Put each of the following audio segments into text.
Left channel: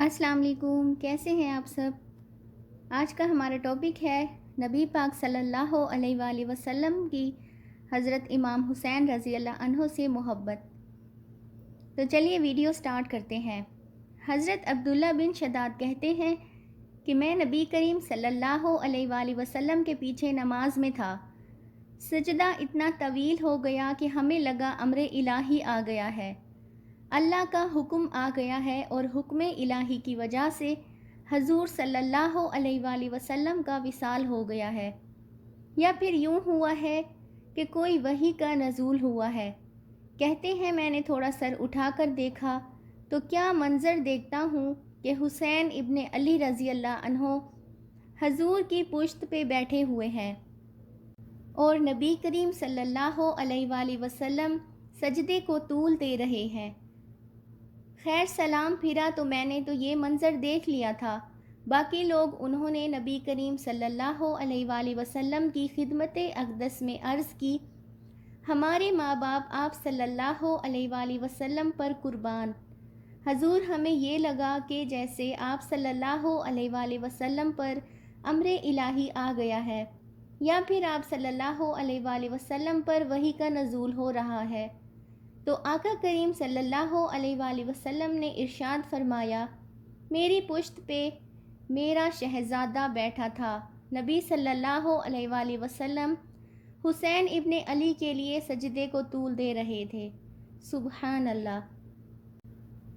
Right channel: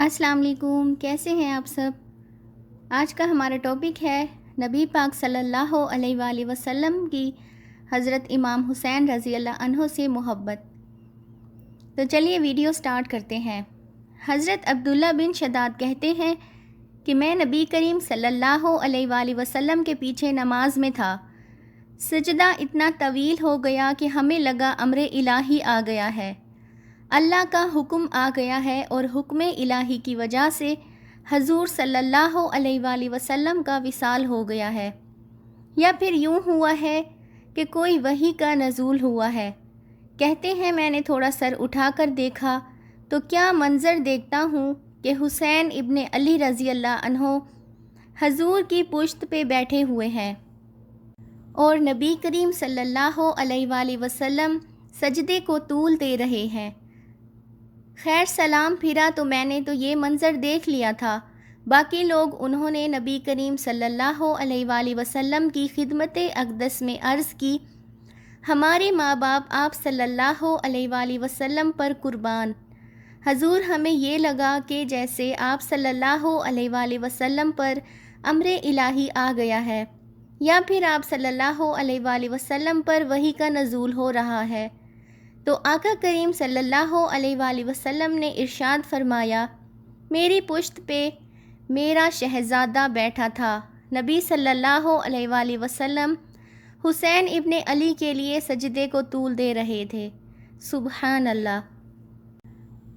السلام علیکم، کیسے ہیں آپ سب؟ آج کا ہمارا ٹاپک ہے نبی پاک صلی اللہ علیہ وآلہ وسلم کی حضرت امام حسین رضی اللہ عنہ سے محبت۔ تو چلیے ویڈیو سٹارٹ کرتے ہیں۔ حضرت عبداللہ بن شداد کہتے ہیں کہ میں نبی کریم صلی اللہ علیہ وآلہ وسلم کے پیچھے نماز میں تھا۔ سجدہ اتنا طویل ہو گیا کہ ہمیں لگا امر الہی آ گیا ہے، اللہ کا حکم آ گیا ہے، اور حکم الہی کی وجہ سے حضور صلی اللہ علیہ وآلہ وسلم کا وصال ہو گیا ہے، یا پھر یوں ہوا ہے کہ کوئی وحی کا نزول ہوا ہے۔ کہتے ہیں میں نے تھوڑا سر اٹھا کر دیکھا تو کیا منظر دیکھتا ہوں کہ حسین ابن علی رضی اللہ عنہ حضور کی پشت پہ بیٹھے ہوئے ہیں اور نبی کریم صلی اللہ علیہ وآلہ وسلم سجدے کو طول دے رہے ہیں۔ خیر سلام پھرا تو میں نے تو یہ منظر دیکھ لیا تھا، باقی لوگ انہوں نے نبی کریم صلی اللہ علیہ وآلہ وسلم کی خدمت اقدس میں عرض کی، ہمارے ماں باپ آپ صلی اللہ علیہ وآلہ وسلم پر قربان۔ حضور ہمیں یہ لگا کہ جیسے آپ صلی اللہ علیہ وآلہ وسلم پر امر الہی آ گیا ہے، یا پھر آپ صلی اللہ علیہ وآلہ وسلم پر وحی کا نزول ہو رہا ہے۔ تو آقا کریم صلی اللہ علیہ وآلہ وسلم نے ارشاد فرمایا، میری پشت پہ میرا شہزادہ بیٹھا تھا۔ نبی صلی اللہ علیہ وآلہ وسلم حسین ابن علی کے لیے سجدے کو طول دے رہے تھے۔ سبحان اللہ!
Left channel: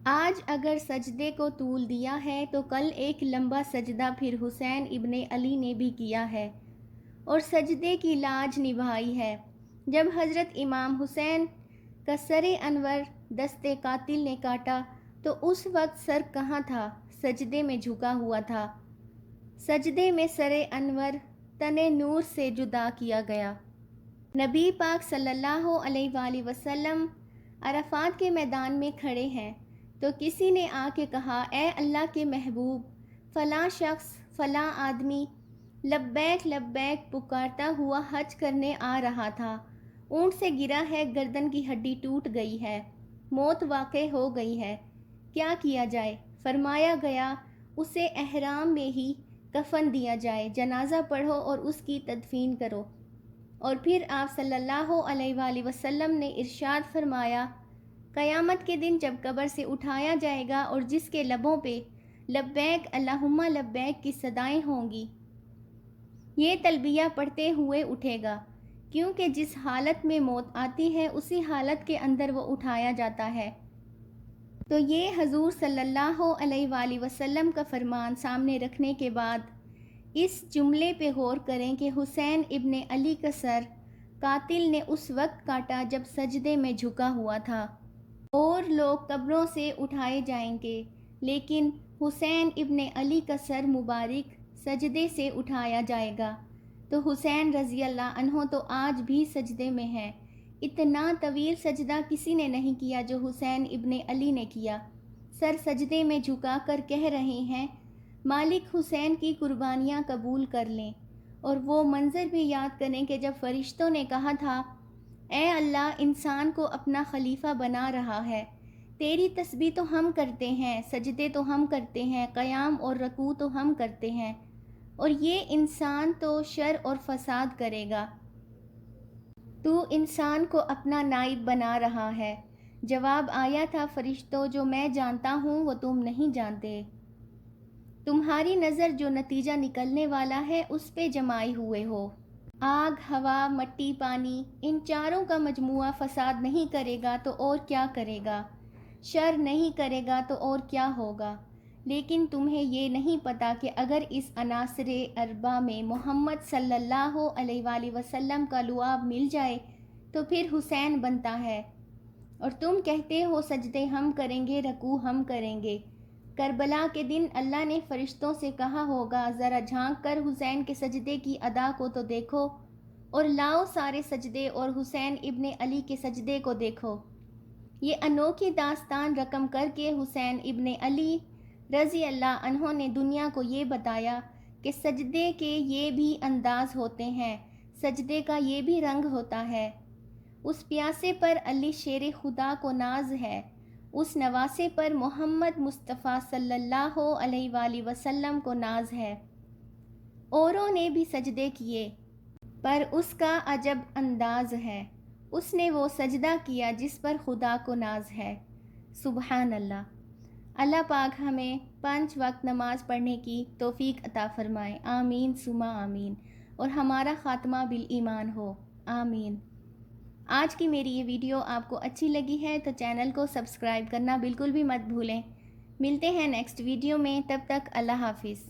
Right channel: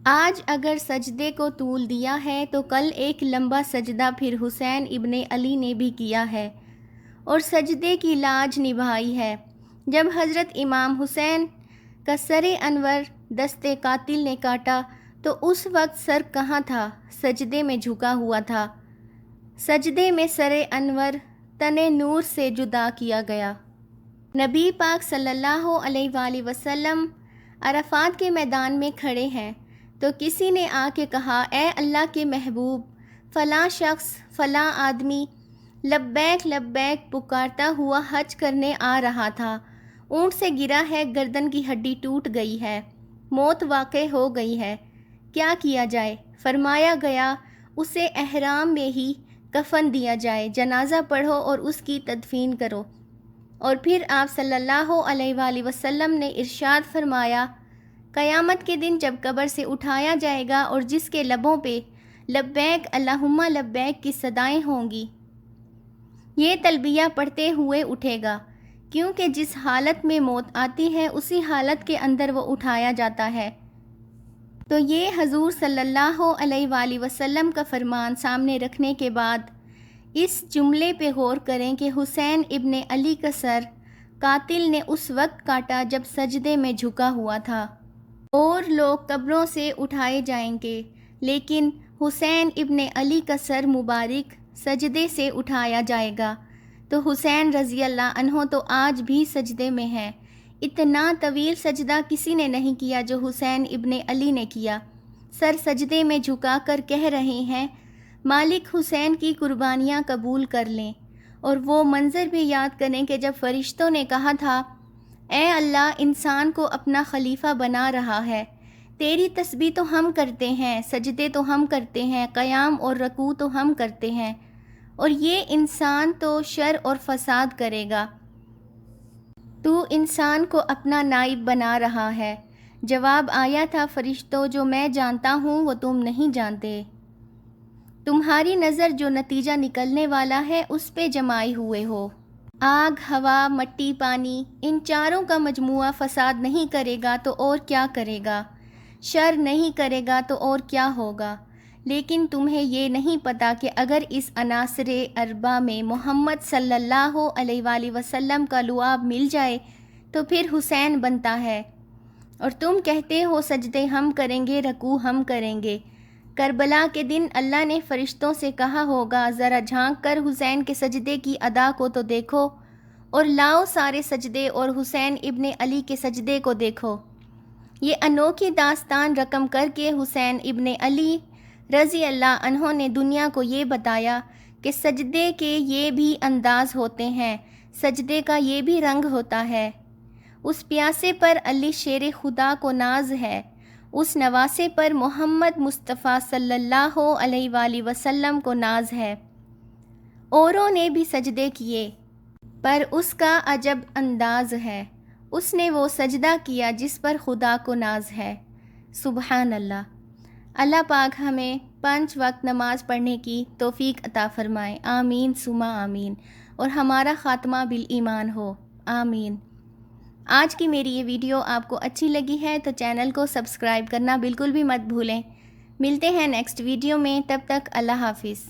آج اگر سجدے کو طول دیا ہے تو کل ایک لمبا سجدہ پھر حسین ابن علی نے بھی کیا ہے اور سجدے کی لاج نبھائی ہے۔ جب حضرت امام حسین کا سر انور دست قاتل نے کاٹا تو اس وقت سر کہاں تھا؟ سجدے میں جھکا ہوا تھا۔ سجدے میں سر انور تن نور سے جدا کیا گیا۔ نبی پاک صلی اللہ علیہ وآلہ وسلم عرفات کے میدان میں کھڑے ہیں تو کسی نے آ کے کہا، اے اللہ کے محبوب، فلاں شخص فلاں آدمی لبیک لبیک پکارتا ہوا حج کرنے آ رہا تھا، اونٹ سے گرا ہے، گردن کی ہڈی ٹوٹ گئی ہے، موت واقع ہو گئی ہے، کیا کیا جائے؟ فرمایا گیا اسے احرام میں ہی کفن دیا جائے، جنازہ پڑھو اور اس کی تدفین کرو۔ اور پھر آپ صلی اللہ علیہ وآلہ وسلم نے ارشاد فرمایا، قیامت کے دن جب قبر سے اٹھایا جائے گا اور جس کے لبوں پہ لبیک اللہم لبیک کی صدائیں ہوں گی، یہ تلبیہ پڑھتے ہوئے اٹھے گا، کیونکہ جس حالت میں موت آتی ہے اسی حالت کے اندر وہ اٹھایا جاتا ہے۔ تو یہ حضور صلی اللہ علیہ وآلہ وسلم کا فرمان سامنے رکھنے کے بعد اس جملے پہ غور کریں کہ حسین ابن علی کا سر قاتل نے اس وقت کاٹا جب سجدے میں جھکا ہوا تھا، اور لوگ قبروں سے اٹھائے جائیں گے، لیکن حسین ابن علی کا سر مبارک سجدے سے اٹھایا جائے گا۔ تو حسین رضی اللہ عنہ تو آج بھی سجدے میں ہیں۔ اتنا طویل سجدہ کسی نے نہیں کیا جو حسین ابن علی نے کیا۔ سر سجدے میں جھکا کر کہہ رہے ہیں، مالک حسین کی قربانیاں قبول کر لیں۔ اور وہ منظر بھی یاد کریں کہ جب فرشتوں نے کہا تھا، اے اللہ، انسان کو اپنا خلیفہ بنا رہا ہے، تیری تسبیح تو ہم کرتے ہیں، سجدے تو ہم کرتے ہیں، قیام اور رکوع تو ہم کرتے ہیں، اور یہ انسان تو شر اور فساد کرے گا، تو انسان کو اپنا نائب بنا رہا ہے۔ جواب آیا تھا، فرشتوں، جو میں جانتا ہوں وہ تم نہیں جانتے، تمہاری نظر جو نتیجہ نکلنے والا ہے اس پہ جمائے ہوئے ہو۔ آگ، ہوا، مٹی، پانی، ان چاروں کا مجموعہ فساد نہیں کرے گا تو اور کیا کرے گا؟ شر نہیں کرے گا تو اور کیا ہوگا؟ لیکن تمہیں یہ نہیں پتہ کہ اگر اس عناصر اربعہ میں محمد صلی اللہ علیہ وآلہ وسلم کا لعاب مل جائے تو پھر حسین بنتا ہے، اور تم کہتے ہو سجدے ہم کریں گے، رکوع ہم کریں گے۔ کربلا کے دن اللہ نے فرشتوں سے کہا ہوگا، ذرا جھانک کر حسین کے سجدے کی ادا کو تو دیکھو، اور لاؤ سارے سجدے اور حسین ابن علی کے سجدے کو دیکھو۔ یہ انوکھی داستان رقم کر کے حسین ابن علی رضی اللہ عنہ نے دنیا کو یہ بتایا کہ سجدے کے یہ بھی انداز ہوتے ہیں، سجدے کا یہ بھی رنگ ہوتا ہے۔ اس پیاسے پر علی شیر خدا کو ناز ہے، اس نواسے پر محمد مصطفیٰ صلی اللہ علیہ وآلہ وسلم کو ناز ہے۔ اوروں نے بھی سجدے کیے پر اس کا عجب انداز ہے، اس نے وہ سجدہ کیا جس پر خدا کو ناز ہے۔ سبحان اللہ۔ اللہ پاک ہمیں 5 وقت نماز پڑھنے کی توفیق عطا فرمائے، آمین ثم آمین، اور ہمارا خاتمہ بالایمان ہو، آمین۔ آج کی میری یہ ویڈیو آپ کو اچھی لگی ہے تو چینل کو سبسکرائب کرنا بالکل بھی مت بھولیں۔ ملتے ہیں نیکسٹ ویڈیو میں، تب تک اللہ حافظ۔